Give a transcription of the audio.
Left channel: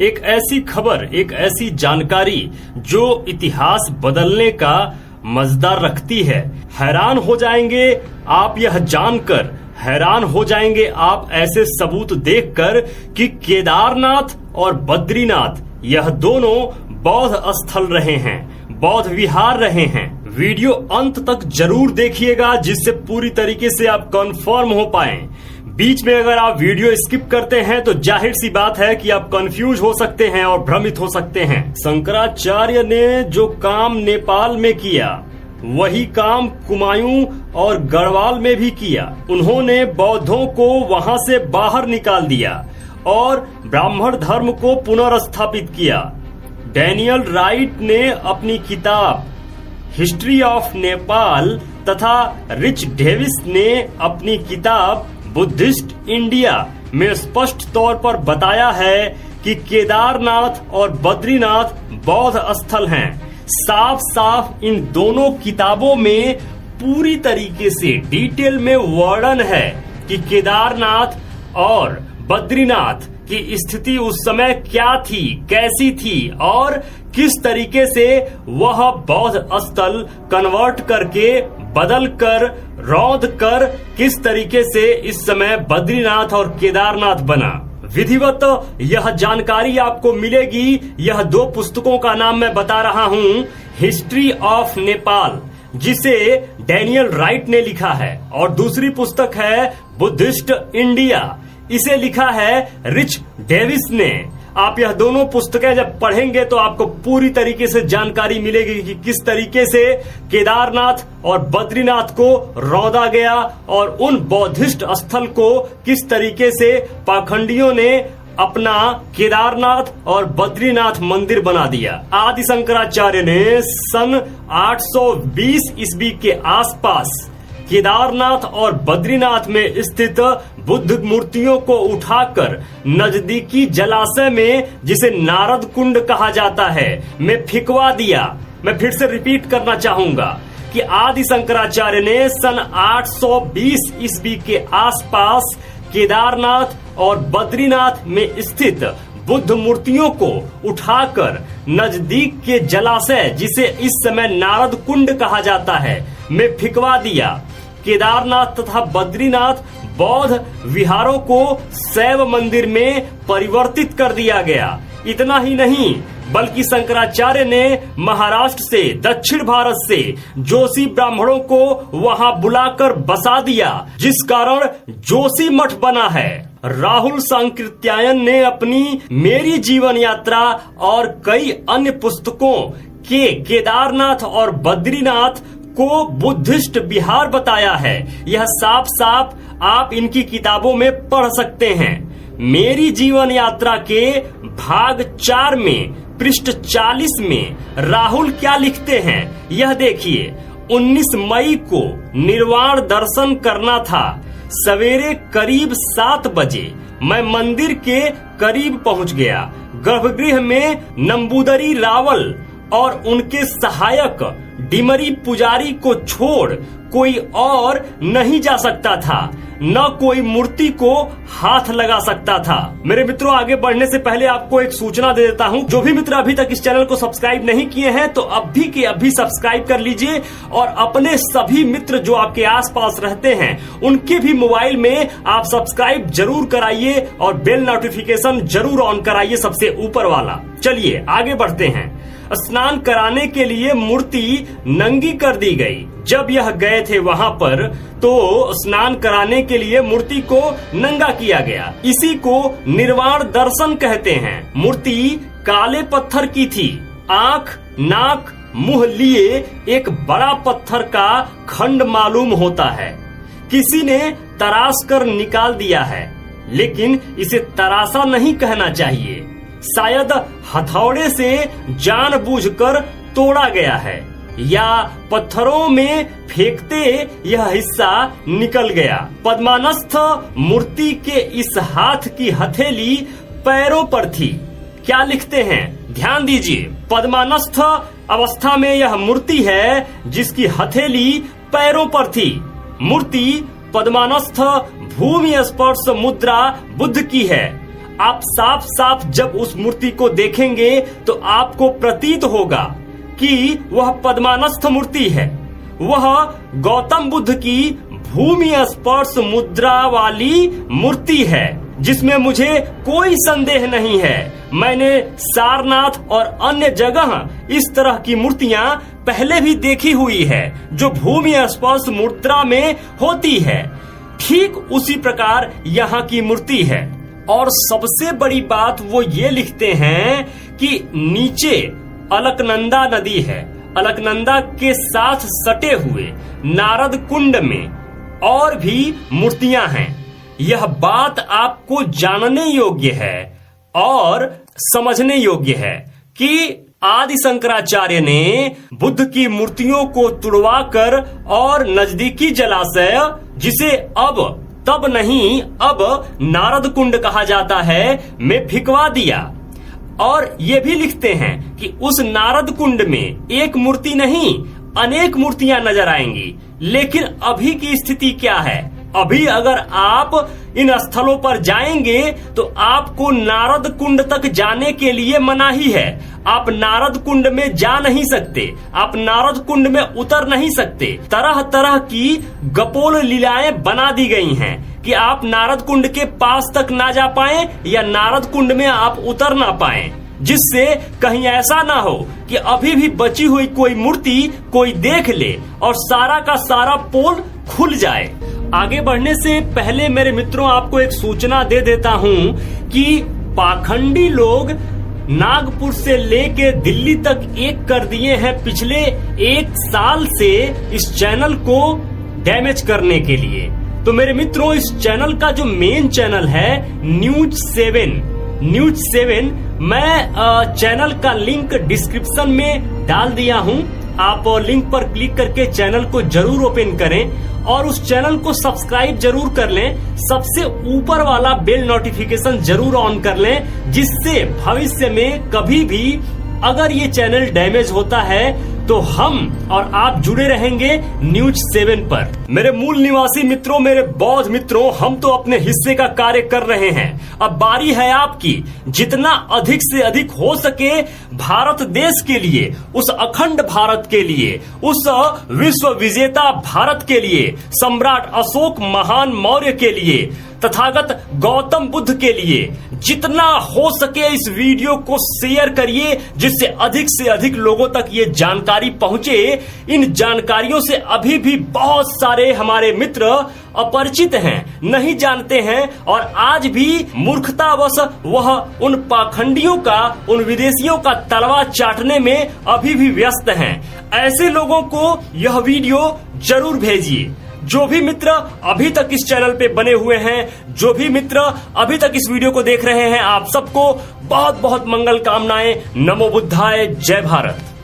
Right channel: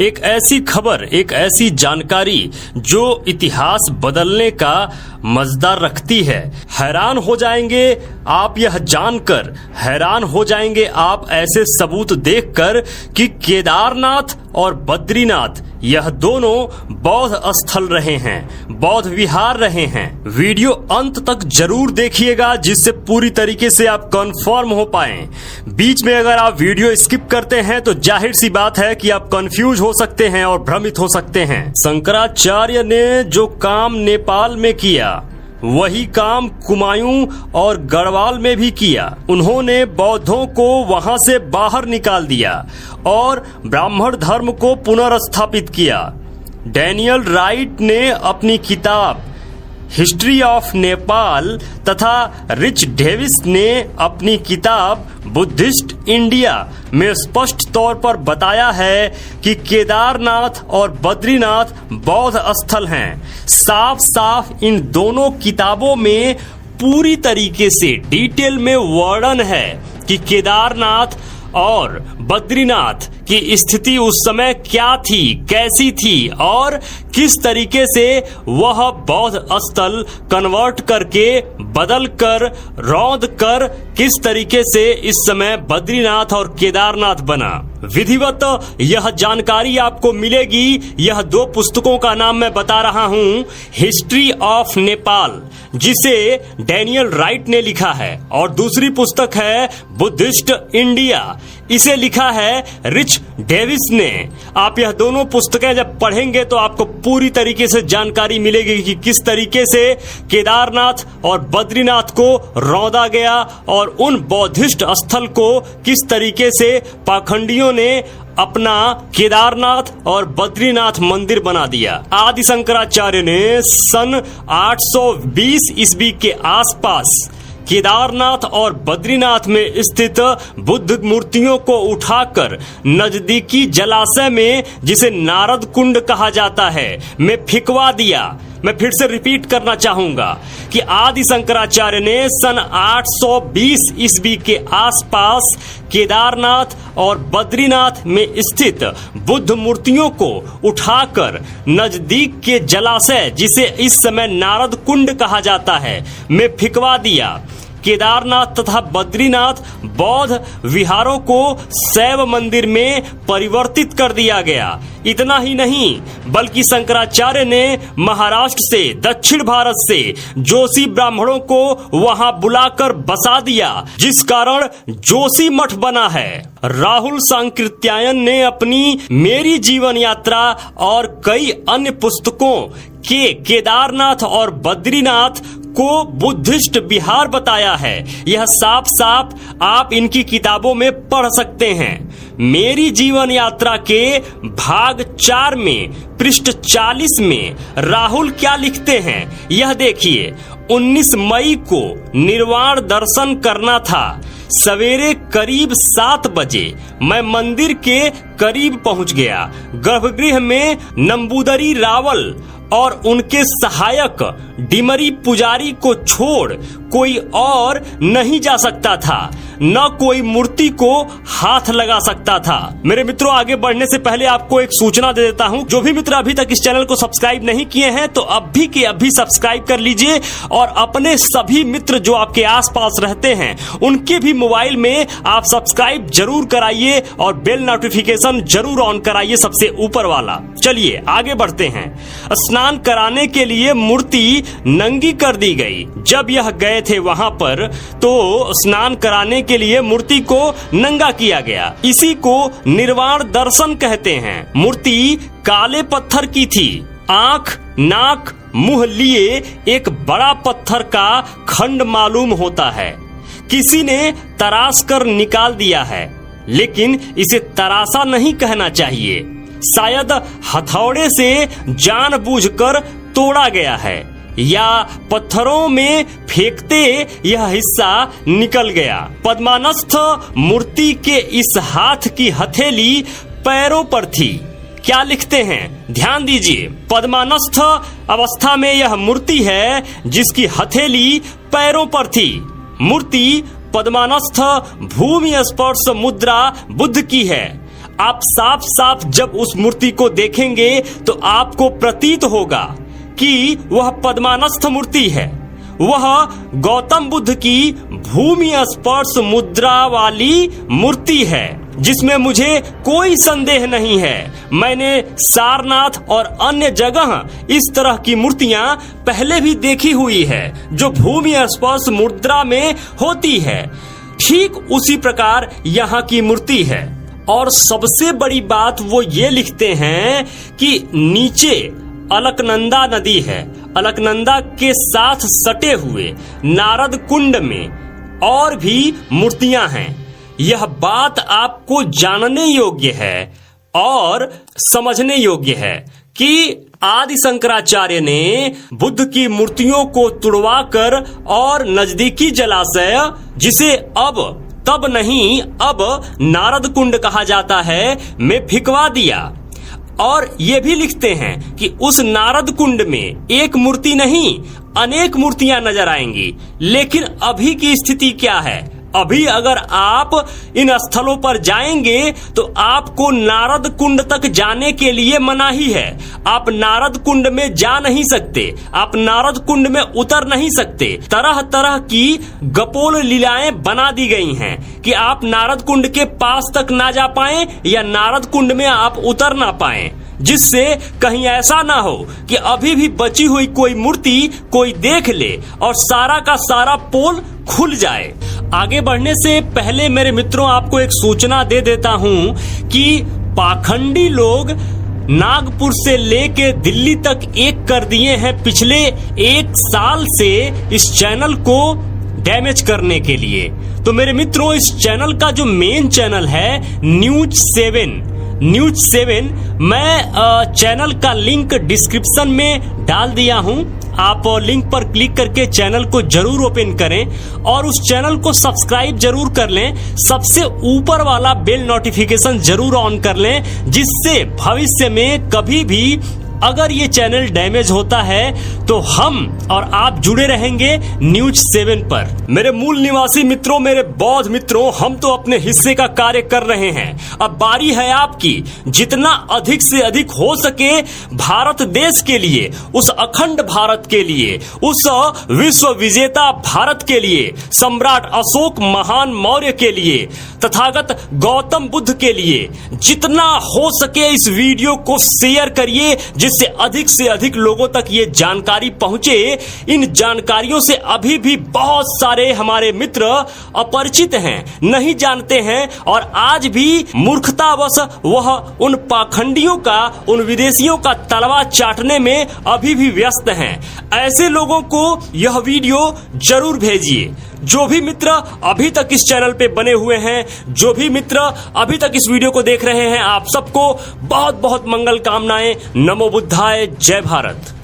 एक ऐसी खबर, एक ऐसी जानकारी जो इतिहास बदलने का मजदार रखती है। हैरान हो जाएंगे आप यह जानकर, हैरान हो जाएंगे आप ऐसे सबूत देखकर कि केदारनाथ और बद्रीनाथ यह दोनों बौद्ध स्थल रहे हैं, बौद्ध विहार रहे हैं। वीडियो अंत तक जरूर देखिएगा जिससे पूरी तरीके से आप कंफर्म हो पाएं। बीच में अगर आप वीडियो स्किप करते हैं तो जाहिर सी बात है कि आप कंफ्यूज हो सकते हैं और भ्रमित हो सकते हैं। शंकराचार्य ने जो काम नेपाल में किया वही काम कुमायूं और गढ़वाल में भी किया। उन्होंने बौद्धों को वहां से बाहर निकाल दिया और ब्राह्मण धर्म को पुनर्स्थापित किया। डैनियल राइट ने अपनी किताब हिस्ट्री ऑफ नेपाल तथा रिच डेविस ने अपनी किताब बुद्धिस्ट इंडिया में स्पष्ट तौर पर बताया है कि केदारनाथ और बद्रीनाथ बौद्ध स्थल हैं। साफ साफ इन दोनों किताबों में पूरी तरीके से डिटेल में वर्णन है कि केदारनाथ और बद्रीनाथ की स्थिति उस समय क्या थी, कैसी थी और किस तरीके से वह बौद्ध स्थल कन्वर्ट करके बदल कर रौंद कर किस तरीके से इस समय बद्रीनाथ और केदारनाथ बना। विधिवत यह जानकारी आपको मिलेगी। यह दो पुस्तकों का नाम मैं बता रहा हूं, हिस्ट्री ऑफ नेपाल जिसे डैनियल राइट ने लिखा है और दूसरी पुस्तक है बुद्धिस्ट इंडिया, इसे लिखा है रिच डेविस ने। आप यह दोनों पुस्तकें जब पढ़ेंगे तो आपको पूरी तरीके से जानकारी मिलेगी कि किस तरीके से केदारनाथ और बद्रीनाथ को रौंदा गया और उन बौद्धिस्ट स्थल को किस तरीके से पाखंडियों ने अपना केदारनाथ और बद्रीनाथ मंदिर बना दिया। आदि शंकराचार्य ने सन 820 ईस्वी के आसपास केदारनाथ और बद्रीनाथ में स्थित बुद्ध मूर्तियों को उठाकर नजदीकी जलाशय में, जिसे नारद कुंड कहा जाता है, में फेंकवा दिया। मैं फिर से रिपीट करना चाहूंगा कि आदि शंकराचार्य ने सन 820 ईस्वी के आसपास केदारनाथ और बद्रीनाथ में स्थित बुद्ध मूर्तियों को उठाकर नजदीक के जलाशय, जिसे इस समय नारद कुंड कहा जाता है, में फेंकवा दिया। केदारनाथ तथा बद्रीनाथ बौद्ध विहारों को शैव मंदिर में परिवर्तित कर दिया गया। इतना ही नहीं बल्कि शंकराचार्य ने महाराष्ट्र से, दक्षिण भारत से जोशी ब्राह्मणों को वहां बुलाकर बसा दिया, जिस कारण जोशी मठ बना है। राहुल सांकृत्यायन ने अपनी मेरी जीवन यात्रा और कई अन्य पुस्तकों के केदारनाथ और बद्रीनाथ को बुद्धिस्ट विहार बताया है। यह साफ साफ आप इनकी किताबों में पढ़ सकते हैं। मेरी जीवन यात्रा के भाग 4 में पृष्ठ 40 में राहुल क्या लिखते हैं यह देखिए। 19 मई को निर्वाण दर्शन करना था। सवेरे करीब 7 बजे मैं मंदिर के करीब पहुंच गया। गर्भगृह में नंबूदरी रावल और उनके सहायक डिमरी पुजारी को छोड़ कोई और नहीं जा सकता था, न कोई मूर्ति को हाथ लगा सकता था। मेरे मित्रों, आगे बढ़ने से पहले आपको एक सूचना दे देता हूं। जो भी मित्र अभी तक इस चैनल को सब्सक्राइब नहीं किए हैं तो अभी के अभी सब्सक्राइब कर लीजिए और अपने सभी मित्र जो आपके आसपास रहते हैं उनके भी मोबाइल में आप सब्सक्राइब जरूर कराइए और बेल नोटिफिकेशन जरूर ऑन कराइए, सबसे ऊपर वाला। चलिए आगे बढ़ते हैं। स्नान कराने के लिए मूर्ति नंगी कर दी गई। जब यह गए थे वहां पर तो स्नान कराने के लिए मूर्ति को नंगा किया गया। इसी को निर्वाण दर्शन कहते हैं। मूर्ति काले पत्थर की थी। आंख, नाक, मुंह लिए एक बड़ा पत्थर का खंड मालूम होता है। किसी ने तराश कर निकाल दिया है, लेकिन इसे तराशा नहीं कहना चाहिए। शायद हथौड़े से जानबूझकर तोड़ा गया है या पत्थरों में फेंकते यह हिस्सा निकल गया। पद्मानस्थ मूर्ति के इस हाथ की हथेली पैरों पर थी। क्या लिखते हैं ध्यान दीजिए। पद्मानस्थ अवस्था में यह मूर्ति है जिसकी हथेली पैरों पर थी। मूर्ति पद्मानस्थ भूमि स्पर्श मुद्रा बुद्ध की है। आप साफ साफ जब उस मूर्ति को देखेंगे तो आपको प्रतीत होगा कि वह पद्मानस्थ मूर्ति है। वह गौतम बुद्ध की भूमि स्पर्श मुद्रा वाली मूर्ति है, जिसमें मुझे कोई संदेह नहीं है। मैंने सारनाथ और अन्य जगह इस तरह की मूर्तियां पहले भी देखी हुई है, जो भूमि स्पर्श मुद्रा में होती है। ठीक उसी प्रकार यहाँ की मूर्ति है। और सबसे बड़ी बात वो ये लिखते हैं कि नीचे अलकनंदा नदी है। अलकनंदा के साथ सटे हुए नारद कुंड में और भी मूर्तियां हैं। यह बात आपको जानने योग्य है और समझने योग्य है कि आदि शंकराचार्य ने बुद्ध की मूर्तियों को तुड़वाकर और नजदीकी जलाशय, जिसे अब तब नहीं अब नारद कुंड कहा जाता है, में फिकवा दिया। और ये भी लिखते हैं कि उस नारद कुंड में एक मूर्ति नहीं अनेक मूर्तियां नजर आएंगी। लेकिन अभी की स्थिति क्या है? अभी अगर आप इन स्थलों पर जाएंगे तो आपको नारद कुंड तक जाने के लिए मनाही है। आप नारद कुंड में जा नहीं सकते, आप नारद कुंड में उतर नहीं सकते। तरह तरह की गपोल लीलाएं बना दी गई हैं कि आप नारद कुंड के पास तक ना जा पाएं या नारद कुंड में आप उतर ना पाएं, जिससे कहीं ऐसा ना हो कि अभी भी बची हुई कोई मूर्ति कोई देख ले और सारा का सारा पोल खुल जाए। आगे बढ़ने से पहले मेरे मित्रों, आपको एक सूचना दे देता हूं कि पाखंडी लोग नागपुर से लेके दिल्ली तक एक कर दिए हैं पिछले 1 साल से इस चैनल को डैमेज करने के लिए। तो मेरे मित्रों, इस चैनल का जो मेन चैनल है न्यूज 7, मैं चैनल का लिंक डिस्क्रिप्शन में डाल दिया हूं। आप लिंक पर क्लिक करके चैनल को जरूर ओपन करें और उस चैनल को सब्सक्राइब जरूर कर लें। सबसे ऊपर वाला बेल नोटिफिकेशन जरूर ऑन कर लें, जिससे भविष्य में कभी भी अगर ये चैनल डैमेज होता है तो हम और आप जुड़े रहेंगे न्यूज 7 पर। मेरे मूल निवासी मित्रों, मेरे बौद्ध मित्रों, हम तो अपने हिस्से का कार्य कर रहे हैं। अब बारी है आपकी। जितना अधिक से अधिक हो सके भारत देश के लिए, उस अखंड भारत के लिए, उस विश्व विजेता भारत के लिए, सम्राट अशोक महान मौर्य के लिए, तथागत गौतम बुद्ध के लिए जितना हो सके इस वीडियो को शेयर करिए, जिससे अधिक से अधिक लोगों तक ये जानकारी पहुंचे। इन जानकारियों से अभी भी बहुत सारे हमारे मित्र अपरिचित हैं, नहीं जानते हैं और आज भी मूर्खतावश वह उन पाखंडियों का, उन विदेशियों का तलवा चाटने में अभी भी व्यस्त हैं। ऐसे लोगों को यह वीडियो जरूर भेजिए। जो भी मित्र अभी तक इस चैनल पे बने हुए हैं, जो भी मित्र अभी तक इस वीडियो को देख रहे हैं, आप सबको बहुत बहुत मंगल कामनाएं। नमो बुद्धाय, जय भारत।